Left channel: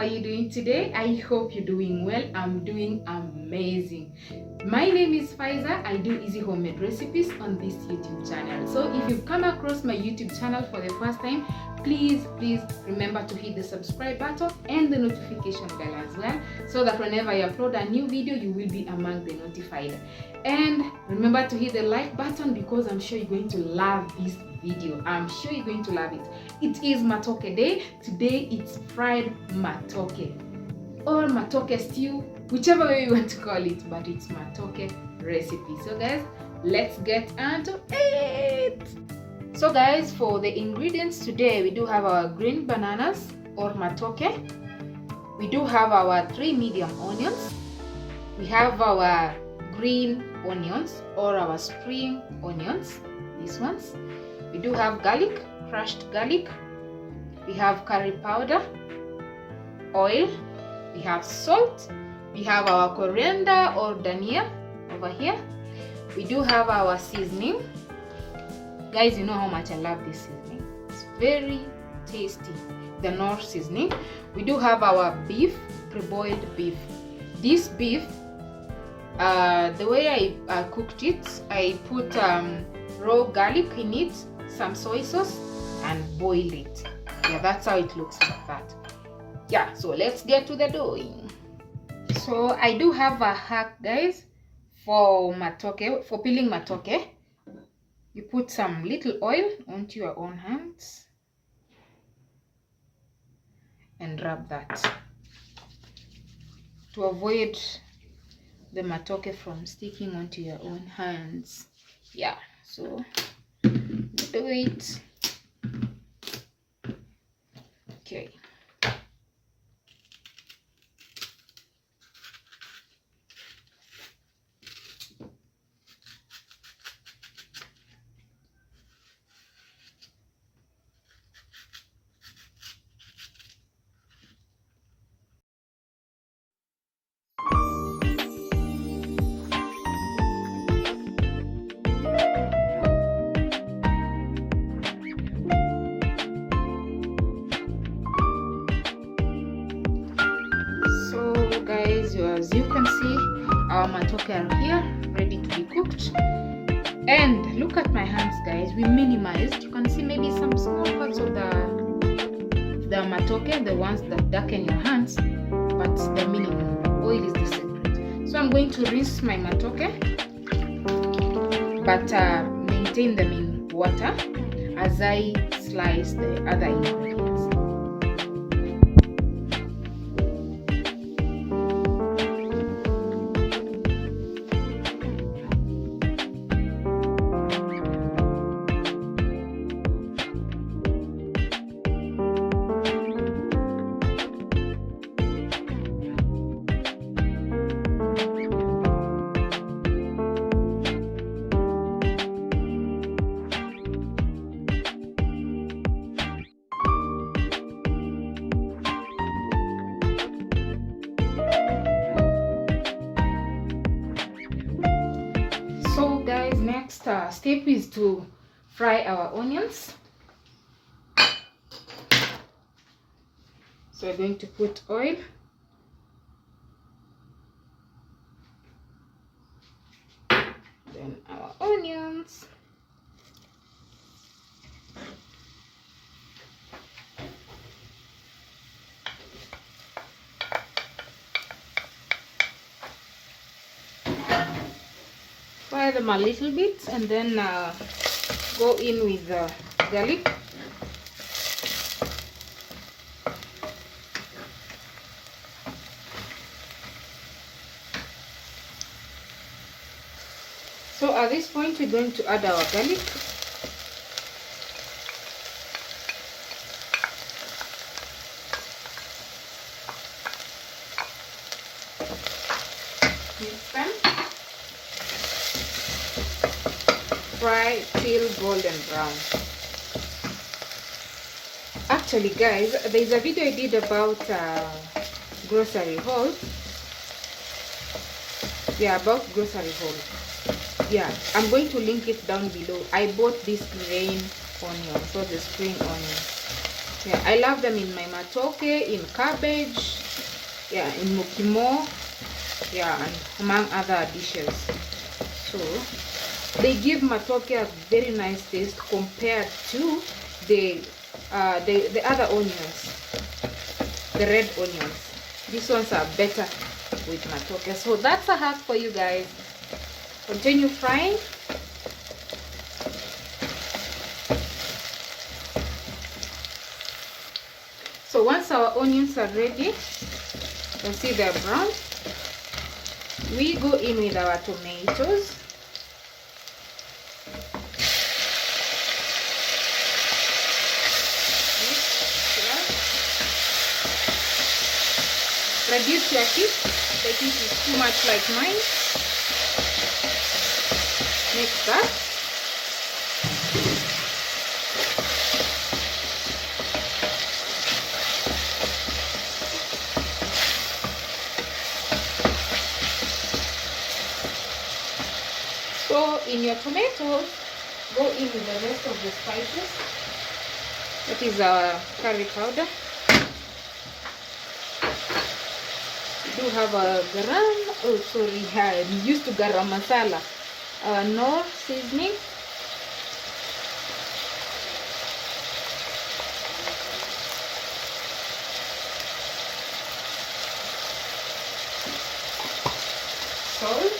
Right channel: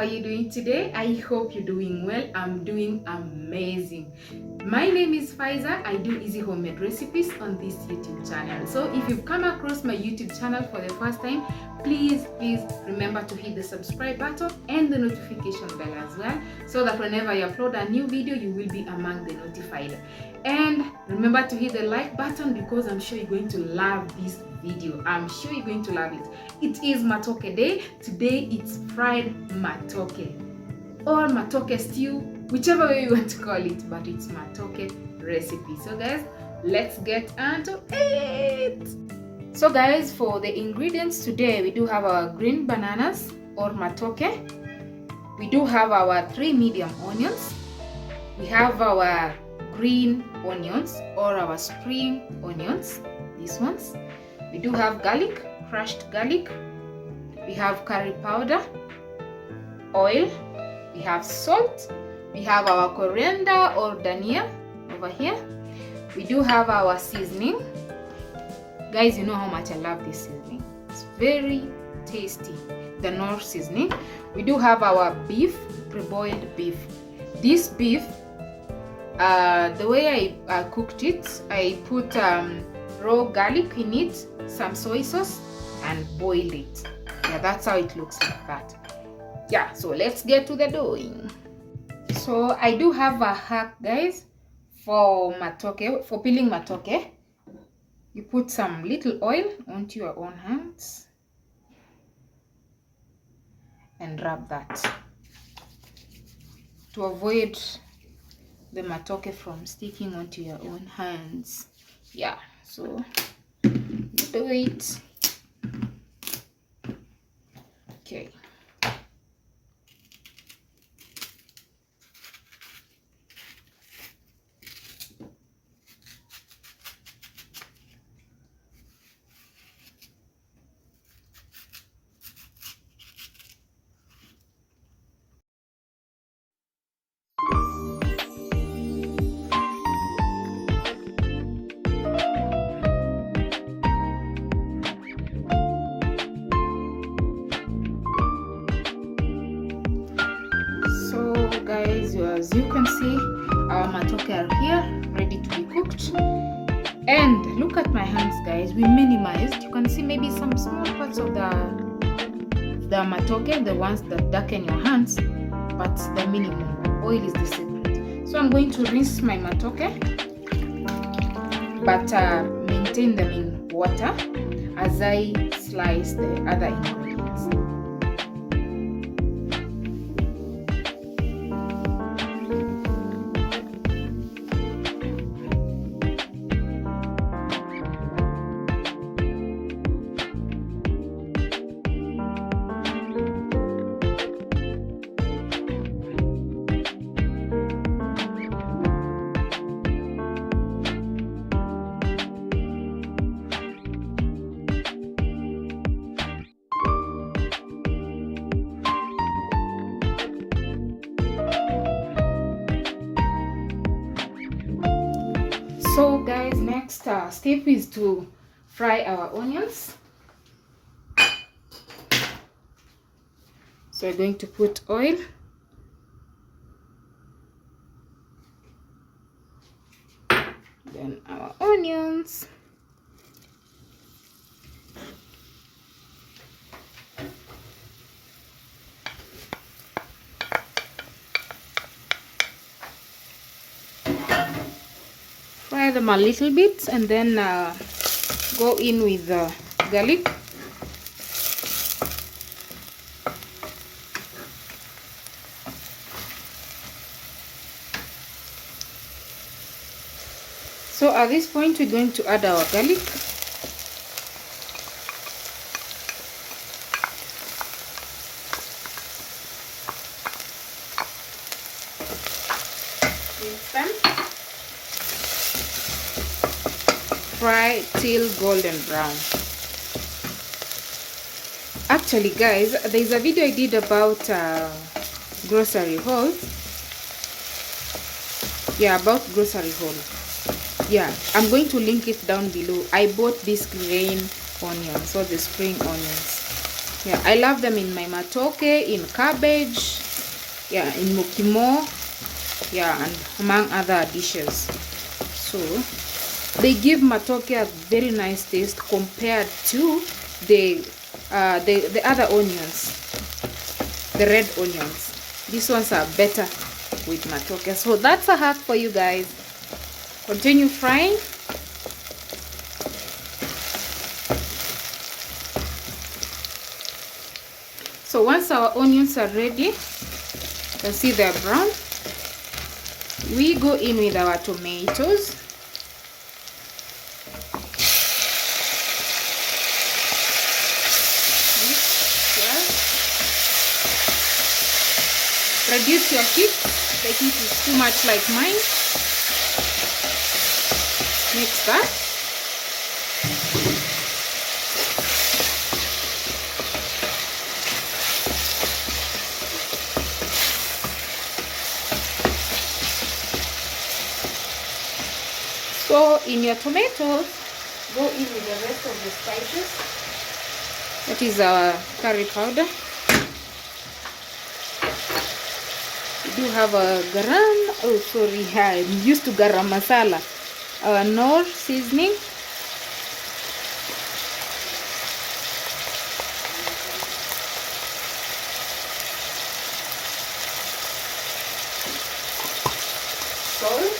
are you doing today? I hope you're doing well. I'm doing amazing. My name is Faiza. I do easy homemade recipes on this YouTube channel. So if you've come across my YouTube channel for the first time, please remember to hit the subscribe button and the notification bell as well, so that whenever I upload a new video, you will be among the notified. And remember to hit the like button, because I'm sure you're going to love this video. I'm sure you're going to love it. It is Matoke day. Today it's fried Matoke or Matoke stew, whichever way you want to call it, but it's Matoke recipe. So guys, let's get into it. So guys, for the ingredients today, we do have our green bananas or Matoke. We do have our 3 medium onions. We have our green onions or our spring onions, these ones. We do have garlic, crushed garlic. We have curry powder, oil. We have salt. We have our coriander or dhania over here. We do have our seasoning. Guys, you know how much I love this seasoning. It's very tasty, the Knorr seasoning. We do have our beef, pre-boiled beef. This beef, the way I cooked it, I put raw garlic in it, some soy sauce, and boiled it. Yeah, that's how it looks like that. Yeah, so let's get to the doing. So I do have a hack, guys, for Matoke, for peeling Matoke. You put some little oil onto your own hands and rub that to avoid the Matoke from sticking onto your own hands. Yeah, so do it. Okay. Guys, as you can see, our Matoke are here ready to be cooked. And look at my hands, guys. We minimized. You can see maybe some small parts of the Matoke, the ones that darken your hands, but the minimum. Oil is the secret. So I'm going to rinse my Matoke, but maintain them in water as I slice the other ingredients. So guys, next step is to fry our onions. So we're going to put oil, then our onions, fry them a little bit, and then go in with the garlic. So at this point, we're going to add our garlic. Mix them. Fry till golden brown. Actually, guys, there's a video I did about grocery hauls. Yeah, about grocery haul. Yeah, I'm going to link it down below. I bought this green onions, so the spring onions. Yeah, I love them in my matoke, in cabbage, yeah, in mukimo, yeah, and among other dishes. So they give matoke a very nice taste compared to the other onions, the red onions. These ones are better with matoke. So that's a hack for you guys. Continue frying. So once our onions are ready, you see they're brown, we go in with our tomatoes. Reduce your heat, the heat is too much like mine. Mix that. So in your tomatoes, go in with the rest of the spices. That is curry powder. We do have a I'm used to garam masala. Nor seasoning. Salt.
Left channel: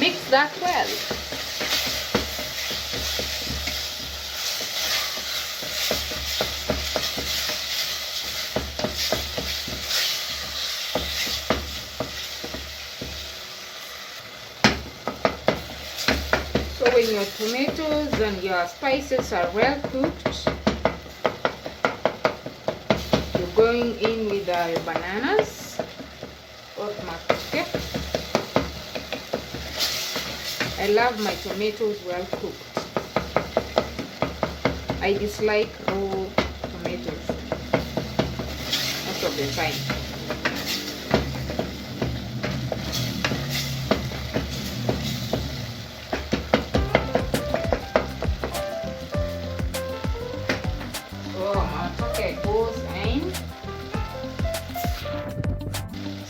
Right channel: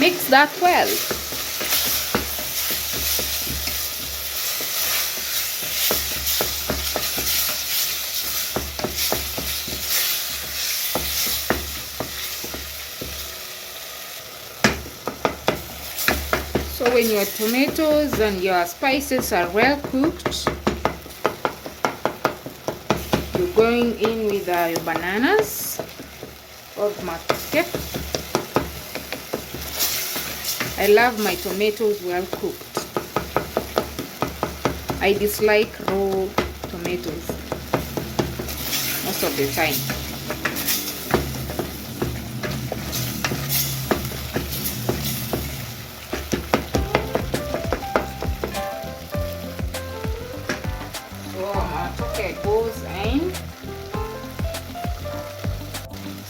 Mix that well. So when your tomatoes and your spices are well cooked, you're going in with your bananas or matoke. I love my tomatoes well cooked. I dislike raw tomatoes most of the time.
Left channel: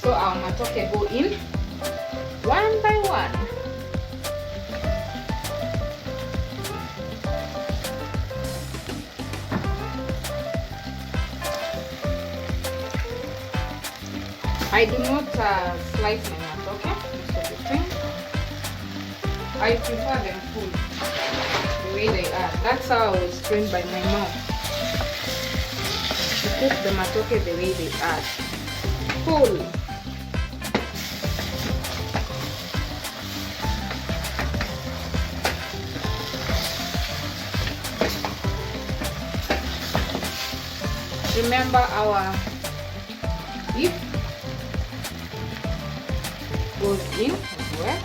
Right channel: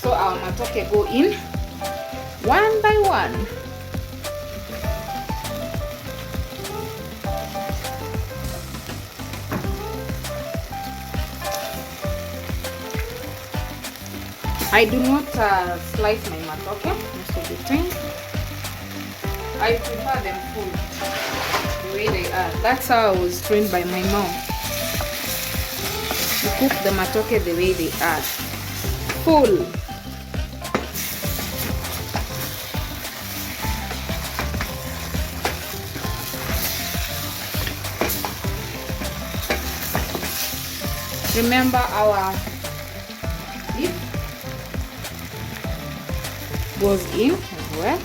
So our matoke go in one by one. I do not slice my matoke most of the time. I prefer them full, the way they are. That's how I was trained by my mom. To cook the matoke the way they are, full. Remember our beef goes in as well.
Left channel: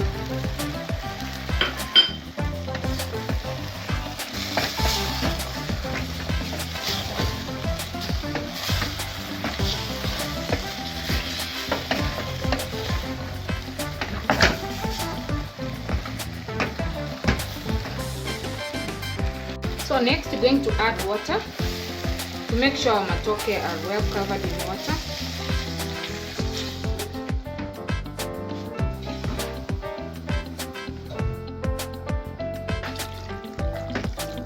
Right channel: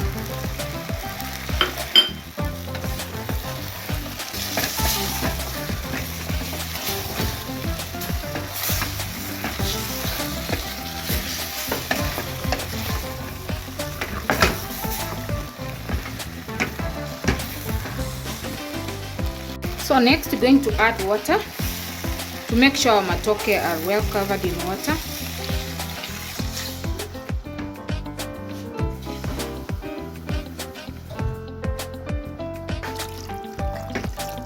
So next we're going to add water to make sure our matoke are well covered in water.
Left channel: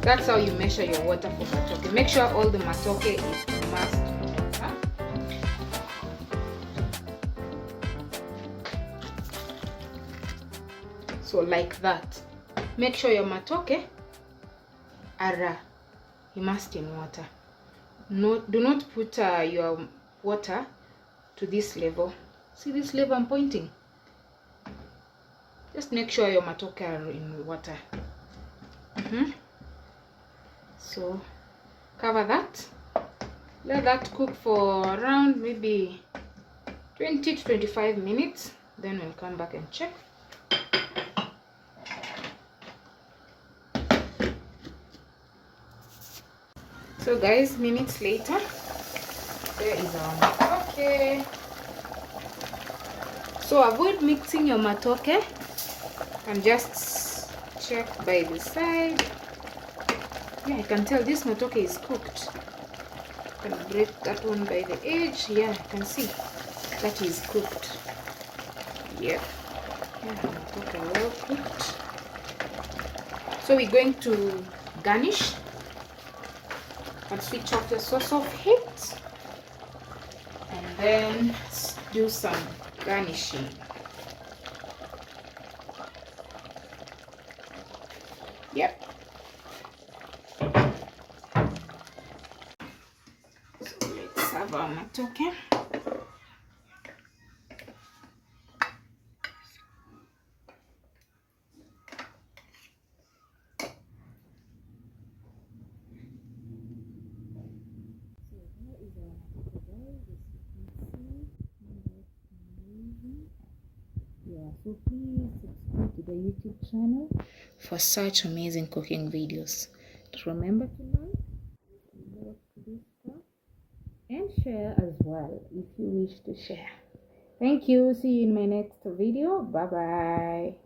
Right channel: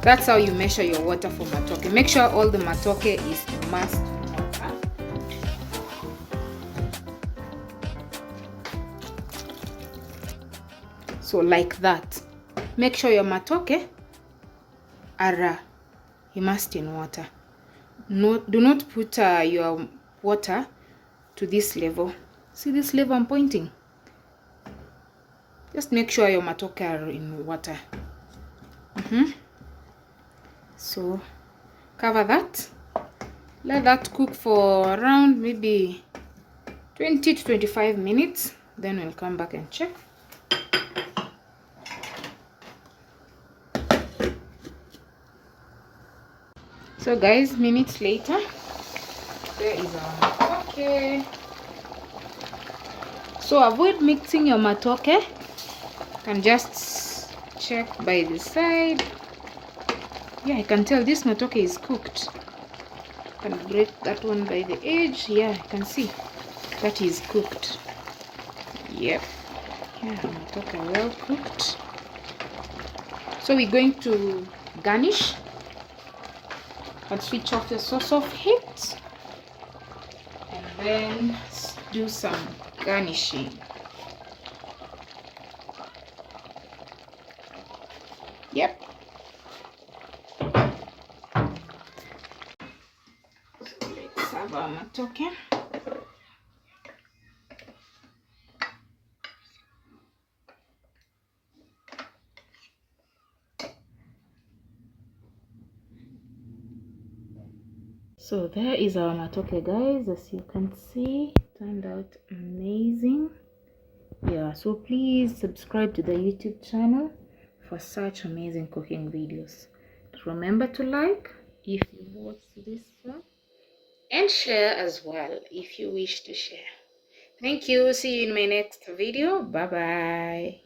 That's how you measure your water for matoke. Make sure all the matoke is immersed in water. So like that. Make sure your matoke are immersed in water. Do not put your water to this level. See this level I'm pointing? Just make sure your matoke are in water. So cover that. Let that cook for around maybe 20 to 25 minutes. Then we'll come back and check. So guys, minutes later, there is our matoke. So avoid mixing your matoke. You can just check by the side. Yeah, I can tell this matoke is cooked. I can break that one by the edge. Yeah, I can see that is cooked. Yep. Yeah, matoke well cooked. So we're going to garnish and switch off the source of heat, and then do some garnishing. Yep. So let's have our matoke. So there is our matoke, guys. As you can see, turned out amazing. Yeah, so please subscribe to the YouTube channel for such amazing cooking videos. Remember to like if you watched this one, and share as well if you wish to share. Thank you. See you in my next video. Bye bye.